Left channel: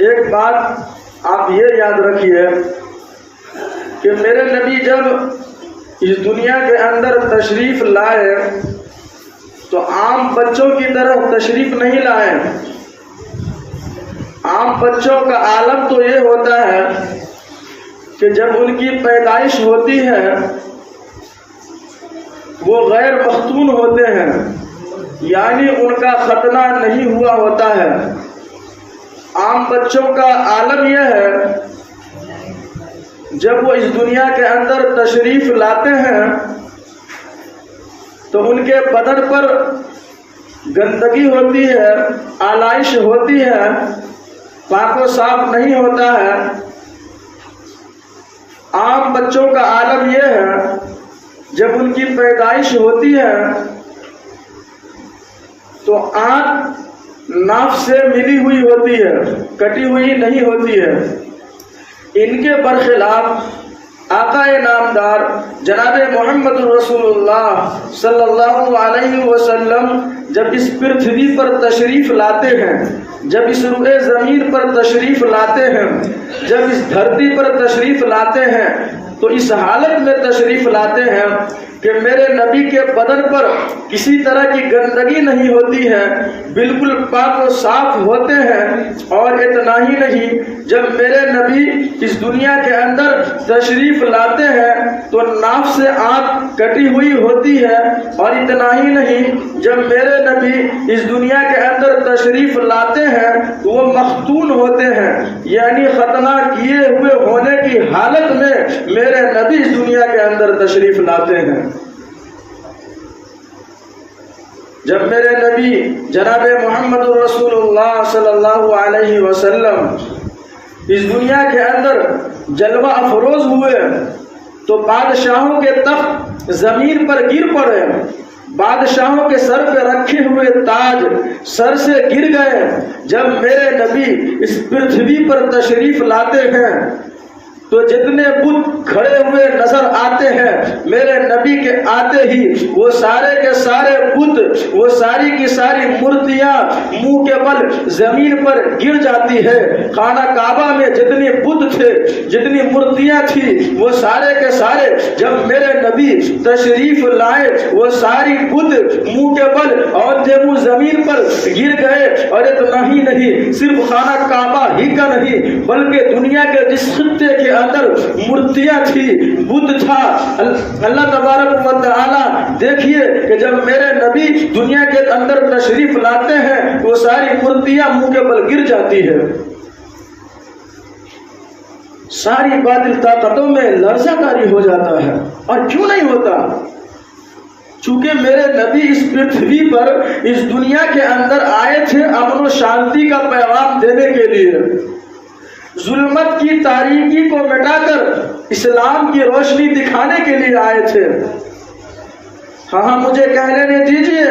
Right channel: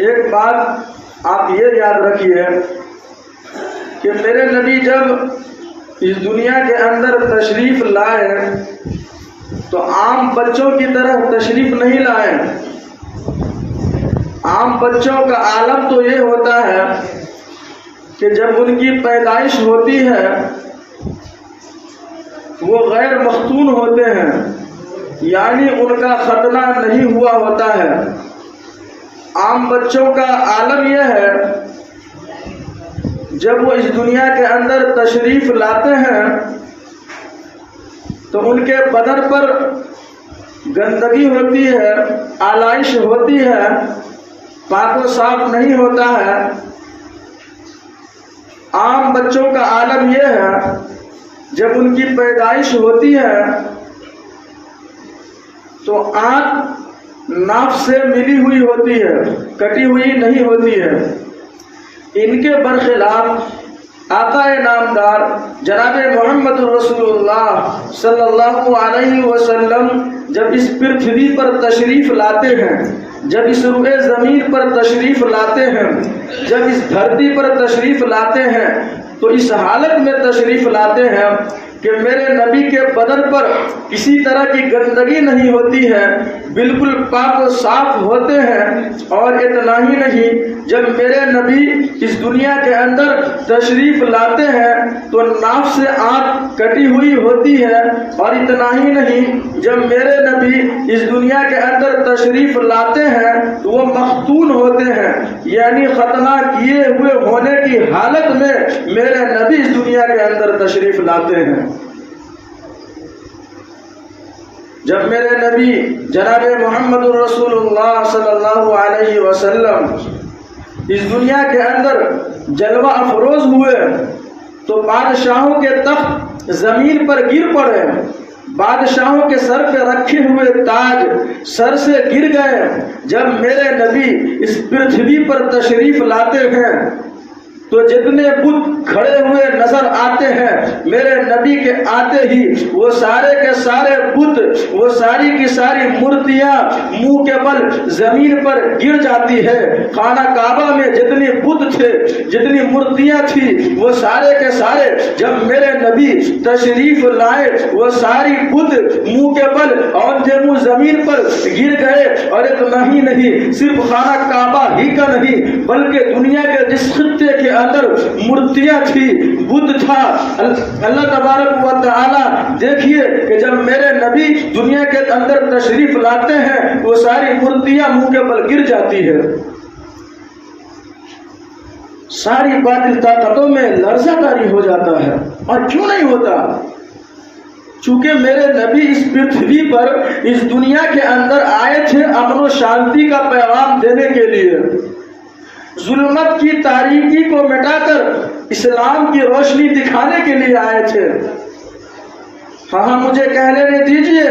ایک بات آپ یہ یاد رکھیے کہ میرے نبی جب اس دنیا کے اندر تشریف لائے تو عام بچوں کی طرح تشریف نہیں لائے۔ عام بچوں کا عالم تو یہ ہوتا ہے کہ جب ان کی پیدائش ہوتی ہے وہ غیر مختون ہوتے ہیں، یعنی ان کا ختنہ نہیں ہوا ہوتا ہے۔ عام بچوں کا عالم یہ ہے جب وہ اس دنیا کے اندر تشریف لاتے ہیں تو ان کے بدن پر گندگی ہوتی ہے، آلائش ہوتی ہے، پاک و صاف نہیں ہوتا ہے۔ عام بچوں کا عالم یہ ہے جب ان کی پیدائش ہوتی ہے تو آنکھ ناف سے ملی ہوئی ہوتی ہے، کٹی ہوئی نہیں ہوتی ہے۔ ان کے برخلاف آقا نامدار جناب محمد رسول اللہ صلی اللہ علیہ وسلم جب اس پرتھوی پر تشریف لاتے ہیں، جب اس روئے زمین پر تشریف لاتے ہیں، جب اس دھرتی پر تشریف لاتے ہیں تو اس حالت میں تشریف لاتے ہیں کہ میرے نبی کے بدن پر کسی طرح کی گندگی نہیں ہوتی ہے، بالکل پاک و صاف ہوتے ہیں۔ اور اتنا ہی نہیں، جب میرے نبی اس دنیا کے اندر تشریف لاتے ہیں تو ناف سے آنکھ کٹی ہوئی ہوتی ہے۔ اور اتنا ہی نہیں، جب میرے نبی اس دنیا کے اندر تشریف لاتے ہیں تو وہ مختون ہوتے ہیں، یعنی ختنہ کیے ہوئے ہونے کی حالت میں میرے نبی اس دنیا کے اندر تشریف لاتے ہیں۔ جب میرے نبی جناب محمد رسول اللہ صلی اللہ علیہ وسلم اس دنیا کے اندر جلوہ افروز ہوئے تو بادشاہوں کے تخت زمین پر گر پڑے، بادشاہوں کے سر پہ رکھے ہوئے تاج سر سے گر گئے۔ جب میرے نبی اس پرتھوی پر تشریف لاتے ہیں تو جتنے بت کھڑے ہوئے نظر آتے ہیں، میرے نبی کے آتے ہی وہ سارے کے سارے بت، وہ ساری کی ساری مورتیاں منہ کے بل زمین پر گر جاتی ہے۔ خانہ کعبہ میں جتنے بت تھے، جتنی مورتیاں تھی، وہ سارے کے سارے جب میرے نبی تشریف لائے وہ ساری بت منہ کے بل اور منہ زمین پر گر گئے۔ اور اتنا ہی نہیں، صرف خانہ کعبہ ہی کا نہیں بلکہ دنیا کے جس خطے کے اندر مورتیاں تھی، بت تھا، اللہ تبارک و تعالی دیکھیے کہ جب میرے نبی دنیا کے اندر تشریف لاتے ہیں وہ ساری مورتیاں منہ کے بل گر جاتی ہے۔ ساری باطل طاقتوں میں لرزہ کاری ہو جاتا ہے۔ اور کیوں نہیں ہوتا؟ چونکہ میرے نبی اس پرتھوی پر اس دنیا کے اندر آئے تھے امن و شانتی کا پیغام دینے کے لیے، ظلمت کی تاریکی کو مٹا کر اسلام کی روشنی دکھانے کے لیے آئے تھے۔ ہاں مجھے کہہ لینے دیجئے،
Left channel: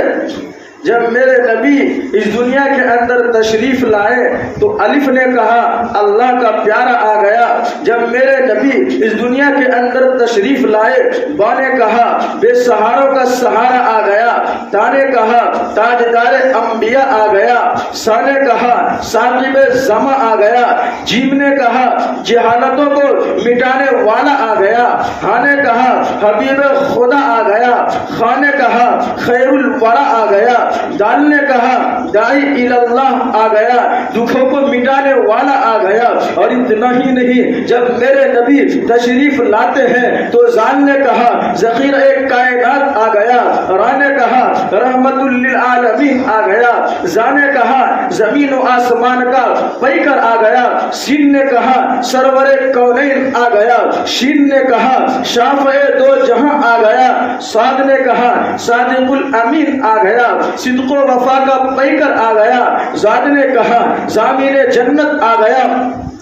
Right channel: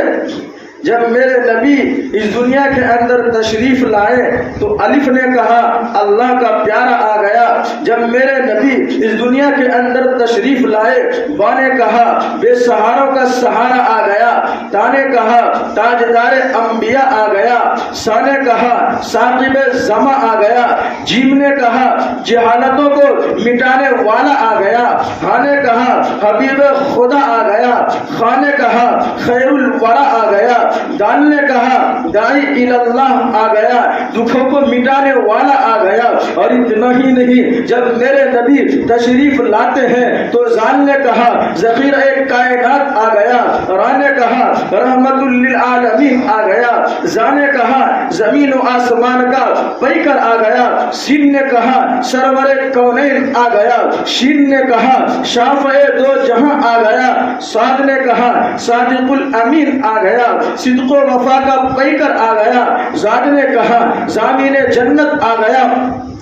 جب میرے نبی اس دنیا کے اندر تشریف لائے تو الف نے کہا اللہ کا پیارا آ گیا۔ جب میرے نبی اس دنیا کے اندر تشریف لائے با نے کہا بے سہاروں کا سہارا آ گیا، تا نے کہا تاجدار انبیاء آ گیا، سا نے کہا ثاقب زماں آ گیا، جیم نے کہا جہالتوں کو مٹانے والا آ گیا، ہاں نے کہا حبیب خدا آ گیا، خاں نے کہا خیر الورا آ گیا، دال نے کہا داعی اللہ آ گیا، دکھوں کو مٹانے والا آ گیا۔ اور اتنا ہی نہیں، جب میرے نبی تشریف لاتے ہیں تو زال نے کہا ذخیرہ کائنات آ گیا، را نے کہا رحمت للعالمین آ گیا، زا نے کہا زمین و آسمان کا پیکر آ گیا، سین نے کہا سرور کونین آ گیا، شین نے کہا شافع دو جہاں آ گیا، صاد نے کہا صادق الامین آ گیا، صدق و وفا کا پیکر آ گیا، زاد نے کہا ضامن جنت آ گیا۔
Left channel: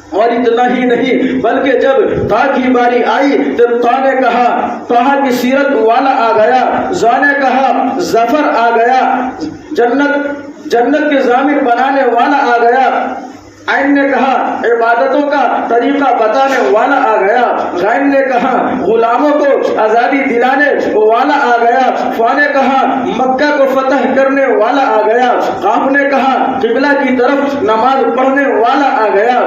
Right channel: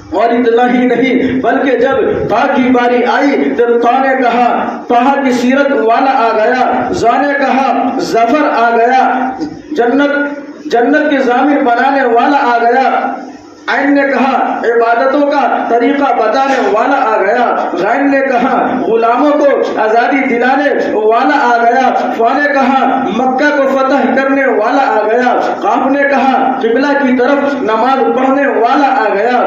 اور اتنا ہی نہیں بلکہ جب تا کی باری آئی تو تا نے کہا طہ کی سیرت والا آ گیا، زا نے کہا ظفر آ گیا، جنت کے ضامن بنانے والا آ گیا، عین نے کہا عبادتوں کا طریقہ بتانے والا آ گیا، غین نے کہا غلاموں کو آزادی دلانے والا آ گیا، فا نے کہا مکہ کو فتح کرنے والا آ گیا، قاف نے کہا قبلہ کی طرف نماز پڑھنے والا آ گیا،